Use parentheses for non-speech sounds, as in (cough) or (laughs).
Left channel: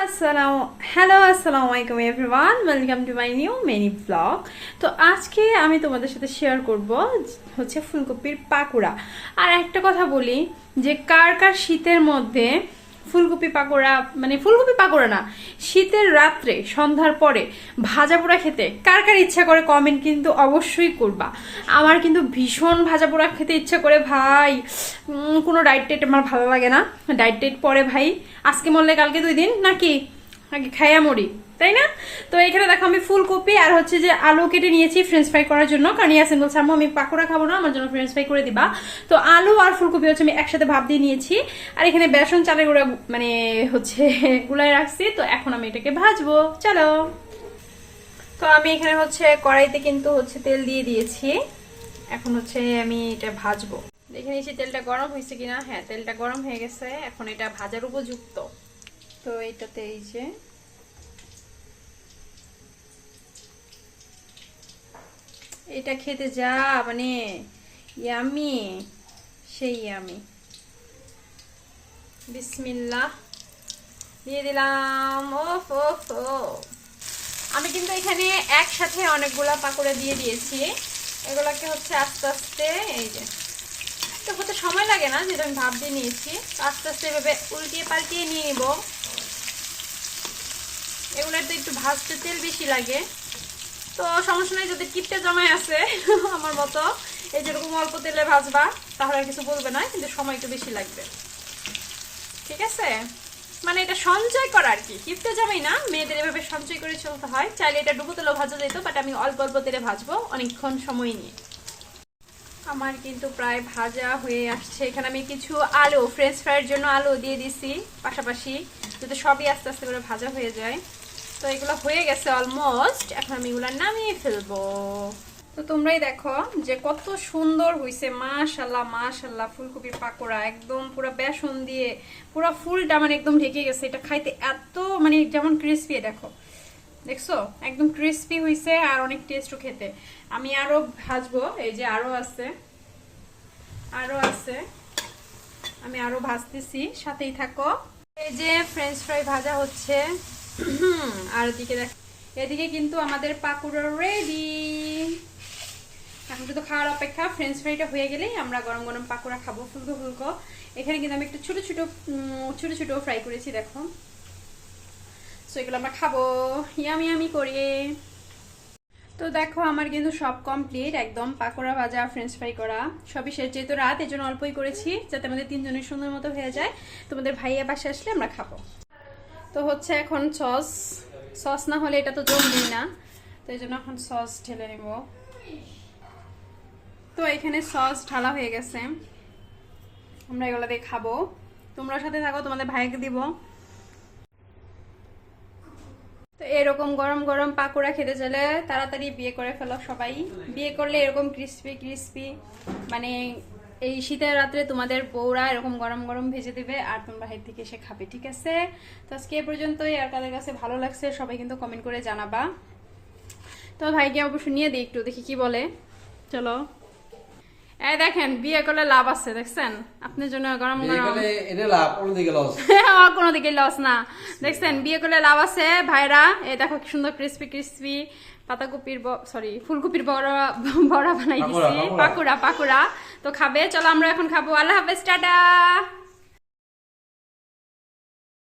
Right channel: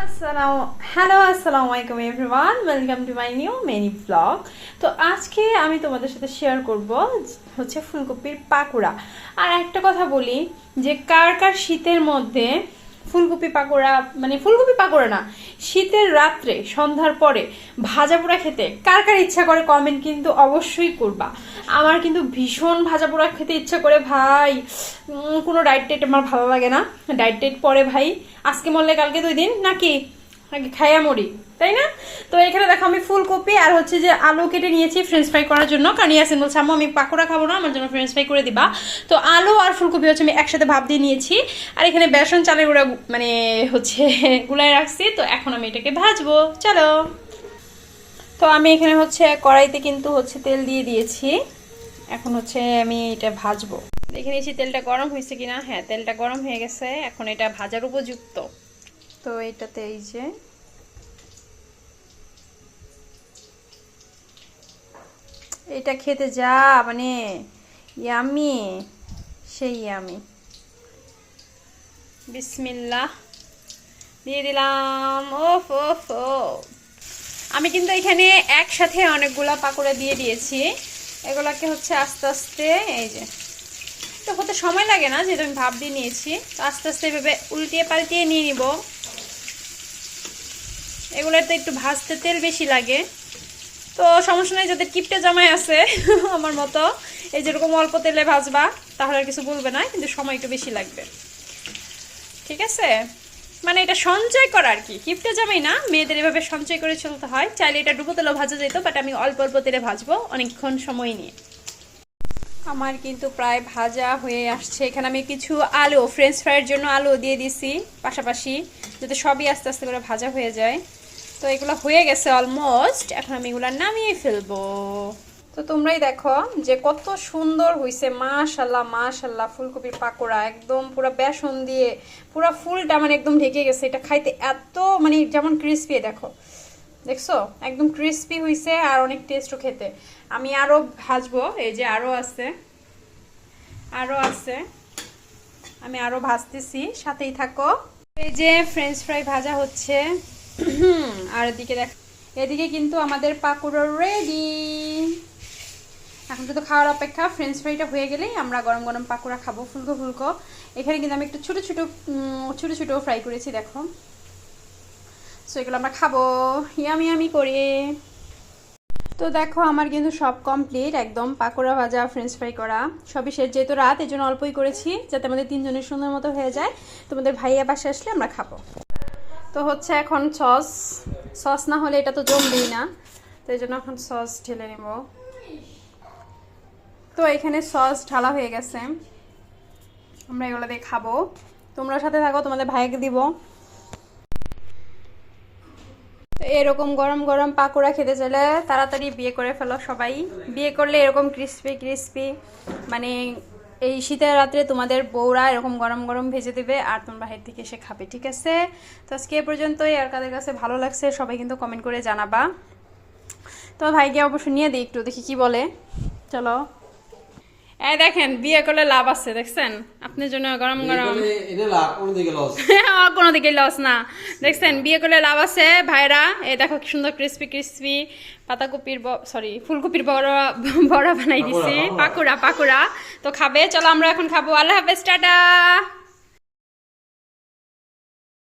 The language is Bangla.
হ্যালো আসসালামু আলাইকুম everyone welcome to my new many blog তো আজকে আমি তোমাদের সাথে শেয়ার করব হচ্ছে ফুলকপির পাকোড়া। আর একটা কথা বলি যে কার কার শীতের মধ্যে ফুলকপি পাকোড়া মানে ফুলকপি পাকোড়া না শীতের রাত্রে, সন্ধ্যার পরে ভাজা পোড়া খেতে কার কার ইচ্ছা করে কমেন্ট কিন্তু অবশ্যই করবা। আমার কিন্তু ভীষণ ভাজা পোড়া খেতে ইচ্ছা করে ভাই। কোনো ডায়েট টাইট আমার ভালো লাগে না। ডায়েট টাইট পরে ভাই। আজকে মরলে কালকে দুই দিন, নাকি? আগে খাইয়া মরি তাই না? তো এখানে দেখো আমি ফুলকপি আর হচ্ছে যে আলু কেটে নিয়েছি ফ্রেঞ্চ ফ্রাই করার জন্য। কারণ ইয়াসিন বলছে আমি পাকোড়া খাব না, আমার জন্য ফ্রেঞ্চ ফ্রাই করে দিবা। তো আলু আর ফুলকপি হচ্ছে আমি একসাথে ভাব দিয়ে নিয়েছি। আর এখানে বেসন চালের গুঁড়া মানে হচ্ছে (laughs) গুলাই রাখছি। তো এখন আমি এটাকে ভাজবো। চলো। তো আমি এখানে হচ্ছে কড়াইতে কিন্তু হচ্ছে তেল দিয়ে দিয়েছি। এখন হচ্ছে আমি এটা ভাজবো। দেখে নিয়েছি তেলটা গরম হয়েছে কিনা? হ্যাঁ তেলটা গরম হয়ে গেছে। এখন এটা ভাজার উপযুক্ত। তো এটাতে এই যে এটা খেতে যা মানে ইয়ামি, সেই ইয়ামি। বিসমিল্লাহ। দিয়ে দিলাম, ওফ ওফ আমি কিন্তু এখানে একসাথে অনেকগুলা পাকোড়া দিয়ে দিয়েছি। এগুলোকে হচ্ছে আস্তে আস্তে, এই যে। তো হতে সময় লাগে না, যেহেতু আমি ভাব দিয়ে নিয়েছি আস্তে আস্তে এভাবে উল্টিয়ে পাল্টিয়ে নিয়ে নিব। এগুলোতে একটু ভাজতে তেল বেশি লাগে। তো সমস্যা নেই, যাদের কিপটে জামাই আছে, (laughs) আমার মতো, এই যেরকম অল্প তেলে ভাজবা, তাহলে আর কিছু বলবে না, কিন্তু সময় একটু বেশি লাগবে। ঠিক আছে? মানে এটা সঞ্চয় করা আর কি। কিপটে জামাই না, মেয়েদের এভাবে সঞ্চয় করে চলতে হয়। চাইলে এটা ডুবো তেলেও ভাজা যেত বাট আমি অল্প অল্প তেলে ভাজবো, অনেকক্ষণ সময় নিয়ে। আমার কিন্তু প্রায় ভাজা হয়ে আসছে। এখানে আমি কিছু আলু ফ্রেঞ্চ ফ্রাইয়ের জন্য আলু দিয়ে দিছি, পাশাপাশি, যাতে সবই আস্তে আস্তে করে ভাজা হয়ে যায়। তো এগুলো হয়ে গেছে অলমোস্ট এখন আমি এগুলো নামিয়ে ফেলব। তো তোমরাই দেখো যে কত সুন্দর হইছে। মাশাল্লাহ মাশাল্লাহ ফুলকপির পাকোড়া একদম পুরো বেসন দিয়ে, পুরো ফুলটা মানে একদম ঢেকে গেছে। এটা খাইতে এত মানে যেমন ক্রিস্পি দেখো। দেখছ? একদম ক্রিস্পি হইছে আর অনেক টেস্টও খেতে। আমি আরও ভাজবো, এই যে আরও আছে। আরও আছে। আমি আরও ভাজতেছি, সাথেই থাকো। এই যে ফ্রেঞ্চ ফ্রাই ভাজা হচ্ছে। আর এদিকে দেখ, এদিকে কিন্তু আমাদের পাকুড়ো রেডি এখন শুধু খাওয়ার অপেক্ষা ফ্রেঞ্চ ফ্রাইটা হয়ে গেলেই আমরা গরম গরম পাকোড়া খাব, ফুলকো ফুলকো। এখানে কিন্তু আমি একটু ছোট ছোট ছোট ছোট ফ্রাই করেছি, দেখো। সো এগুলো আমরা খাব ইয়ামি ইয়ামি করে। তো দেখো, আমার কিন্তু সব কমপ্লিট একদম পাকোড়া ভাজা ফ্রেঞ্চ ফ্রাই করা। সবই শেষ যেহেতু রাত এই অল্পই করেছি, যাতে আমাদের তিনজনের সুন্দর মতো হয়ে যায়। তোমাদের ভাইয়া পাশে আসলে আমরা খাব। তো হচ্ছে এখন সস সস না হলে এটা তো জমবেই না। তো এই জন্য এখন সস ঢেলে নেব। তো এখানে সস ঢালা হয়ে গেছে। আমরা এগুলো দিয়ে খাব। তোমরা সাথে থাকো, তোমাদের ভাইকে দিব। এরকম গরম গরম পাকোড়া খেতে চাইলে তাড়াতাড়ি বিয়ে করে ফেলো সবাই। বিয়ে করলে এরকম ক্রিস্পি ক্রিস্পি মানে এই শীতের রাত্রে তোমাদের বউরা এরকম গরম গরম ভেজে দেবে আর তোমরা বাহির থেকে এসে খাবে ঠিক আছে? তো আজকে এ পর্যন্তই। আর কাদের কাছে ভালো লাগছে সবাই কিন্তু কমেন্ট করে জানাবা। তো ভাইকে অবশ্য নিয়ে দিই একটু দেখি কি বলে। চলো। এই দেখেন বিয়ে করলে লাভ আছে দেখছেন? আপনার জন্য গরম গরম। কোনো দিকে লস না। দেখছেন বিয়ে করলে লাভ আছে ভাইরা। এই দেখো কি সুন্দর ক্রিস্পি ক্রিস্পি পাতাকপির সরি ফুলকপির বড়া বড়া বানাই দিছি। পাকুড়া পাকুড়া। তো খাবে চলো আমরা এখন খাব। আল্লাহ হাফেজ টাটা।